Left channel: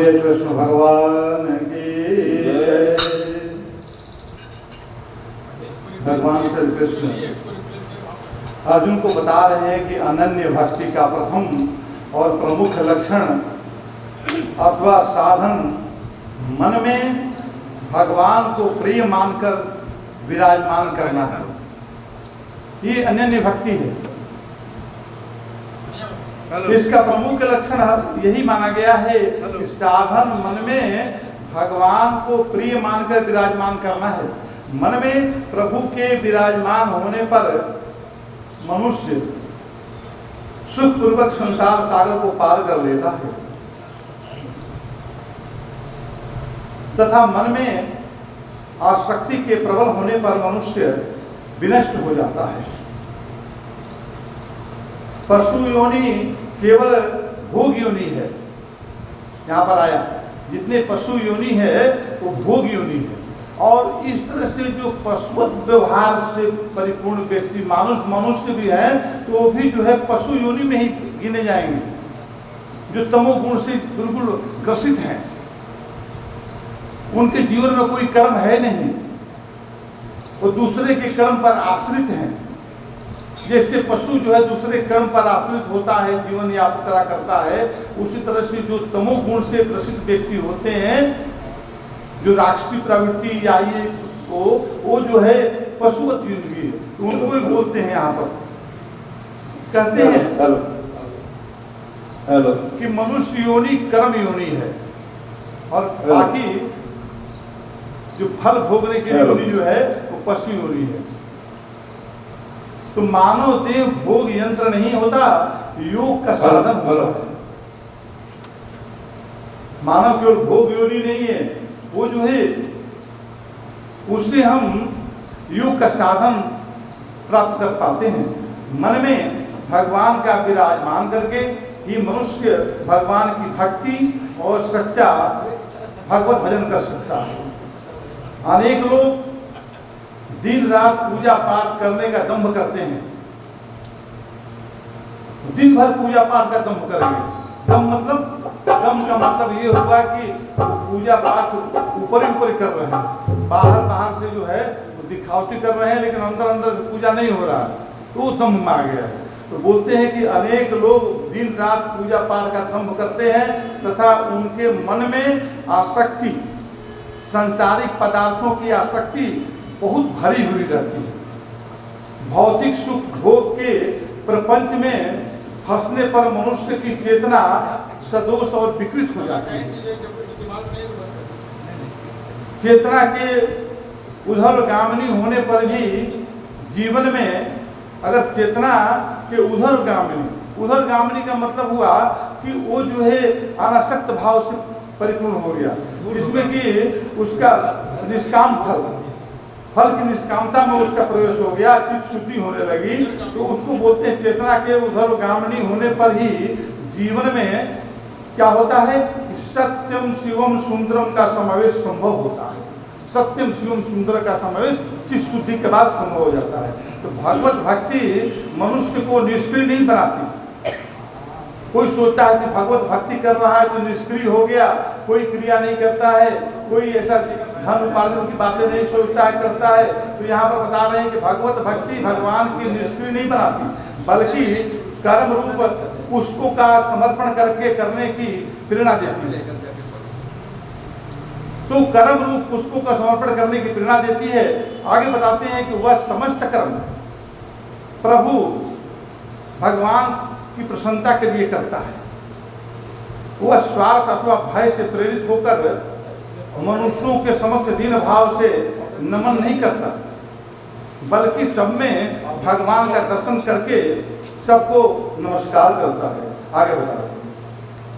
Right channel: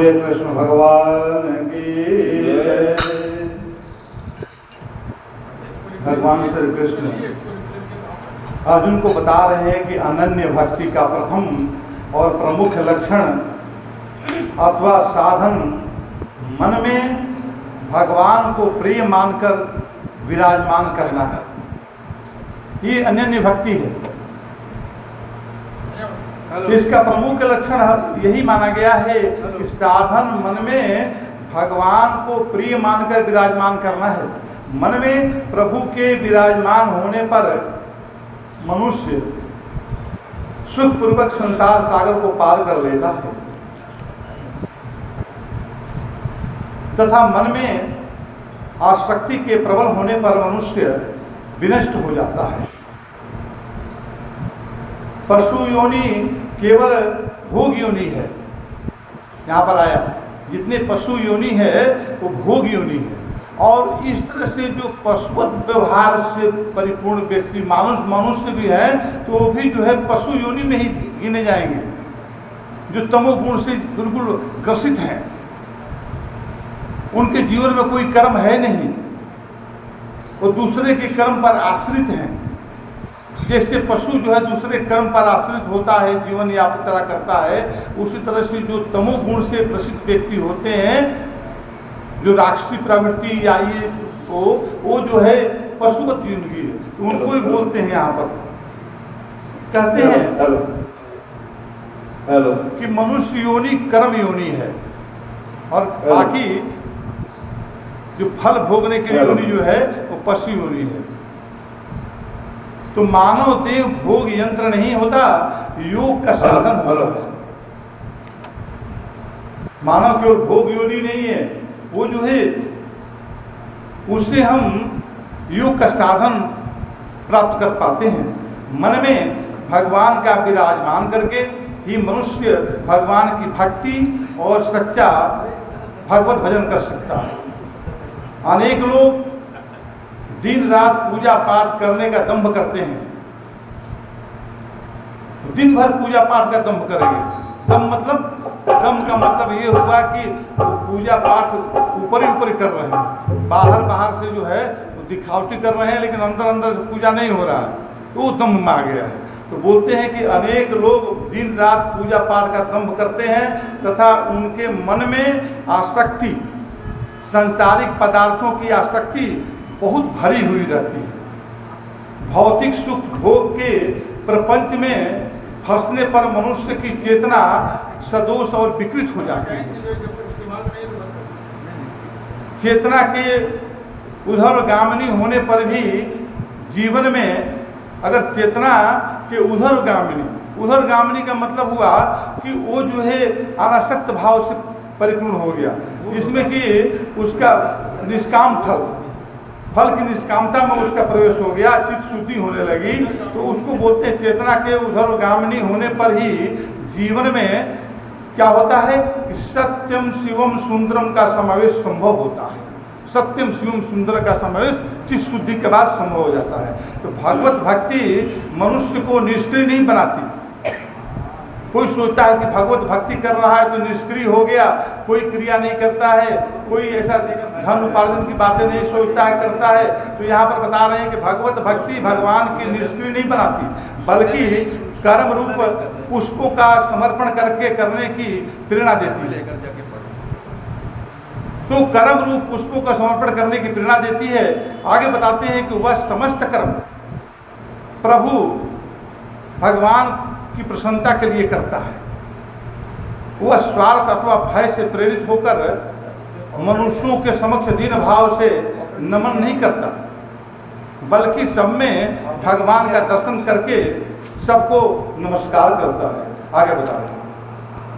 कृष्ण भगवान की जय। भगवान श्री कृष्ण अर्जुन को बता रहे हैं कि अनन्य भक्ति का प्रथम और प्रमुख लक्षण अथवा साधन मन में भगवान को प्रिय मानकर विराजमान करना है। ये अनन्य भक्ति है। इसका प्रमुख लक्षण यही माना गया है कि साधन मन में भगवान को प्रिय मानकर विराजमान करना है। मन में प्रभु के विराजमान होने पर मनुष्य सुखपूर्वक संसार सागर को पार कर लेता है तथा मन में आसक्ति के प्रबल होने पर मनुष्य विनष्ट हो जाता है। पशु योनि केवल भोग योनि है। यहाँ पर आया जितने पशु योनि है वो भोग योनि है। और इस तरह से जो पशुवत व्यवहार से परिपूर्ण व्यक्ति मनुष्य भी है तो वो भी जो है पशु योनि में ही गिने जाएंगे, जो तमोगुण से बिल्कुल ग्रसित हैं। उनके जीवन में कोई कर्म है नहीं, वो दूसरे के कर्म पर आश्रित हैं। जैसे पशु जो है दूसरे कर्म पर आश्रित होता है, जीवन यात्रा करता है, उसी तरह से जो तमोगुण से ग्रसित व्यक्ति होते हैं, जो राक्षसी प्रवृत्ति या ये तो वो जो है पशुवत जिंदगी है, तो उनको ही बोलते हैं। यहाँ पर कहते हैं कि मनुष्य योनि कर्म योनि है और बाकी जो फल भोगने के लिए योनि जो है वो पशु योनि है। तो मानव देह भोग यंत्र नहीं होता, योग का साधन होता है। मानव केवल भोग योनि नहीं है, वो जो है उससे हम योग का साधन प्राप्त कर पाते हैं। मन में भगवान का विराजमान करके ही मनुष्य भगवान की भक्ति और सच्चा भगवत भजन कर सकता है। अनेक लोग दिन रात पूजा पाठ करने का दंभ करते हैं, दिन भर पूजा पाठ का दंभ करेंगे। दम का मतलब ये हुआ कि पूजा पाठ ऊपर ही कर रहे हैं, बाहर से जो है दिखावटी कर रहे हैं, लेकिन अंदर से पूजा नहीं हो रहा है, तो वो दम्भ में आ गया है। तो बोलते हैं कि अनेक लोग दिन रात पूजा पाठ का दंभ करते हैं तथा उनके मन में आसक्ति, सांसारिक पदार्थों की आसक्ति बहुत भरी हुई रहती है। भौतिक सुख भोग के प्रपंच में फंसने पर मनुष्य की चेतना सदोष और विकृत हो जाती है। चेतना के उधरगामिनी होने पर भी जीवन में अगर चेतना के उधरगामिनी का मतलब हुआ कि वो जो है अनासक्त भाव से परिपूर्ण हो गया, जिसमें कि उसका निष्काम फल की निष्कामता में उसका प्रवेश हो गया, चित्त शुद्धि होने लगी, तो उसको बोलते हैं चेतना के उधरगामिनी होने पर ही जीवन में क्या होता है कि सत्यम शिवम सुंदरम का समावेश संभव होता है। सत्यम शिवम सुंदर का समावेश चित्त शुद्धि के बाद संभव हो जाता है। तो भगवत भक्ति मनुष्य को निष्क्रिय नहीं बनाती। कोई सोचता है कि भगवत भक्ति कर रहा है तो निष्क्रिय हो गया, कोई क्रिया नहीं करता है, कोई ऐसा धन उपार्जन की बातें नहीं सोचता है, करता है। तो यहाँ पर बता रहे हैं कि भगवत भक्ति भगवान की निष्क्रिय नहीं बनाती, बल्कि कर्म रूप पुष्पों का समर्पण करके करने की प्रेरणा देती है। तो कर्म रूप पुष्पों का समर्पण करने की प्रेरणा देती है। आगे बताते हैं कि वह समस्त कर्म प्रभु भगवान की प्रसन्नता के लिए करता है। वह स्वार्थ अथवा भय से प्रेरित होकर मनुष्यों के समक्ष दीन भाव से नमन नहीं करता, बल्कि सब में भगवान का दर्शन करके सबको नमस्कार करता है। आगे बता रहे हैं।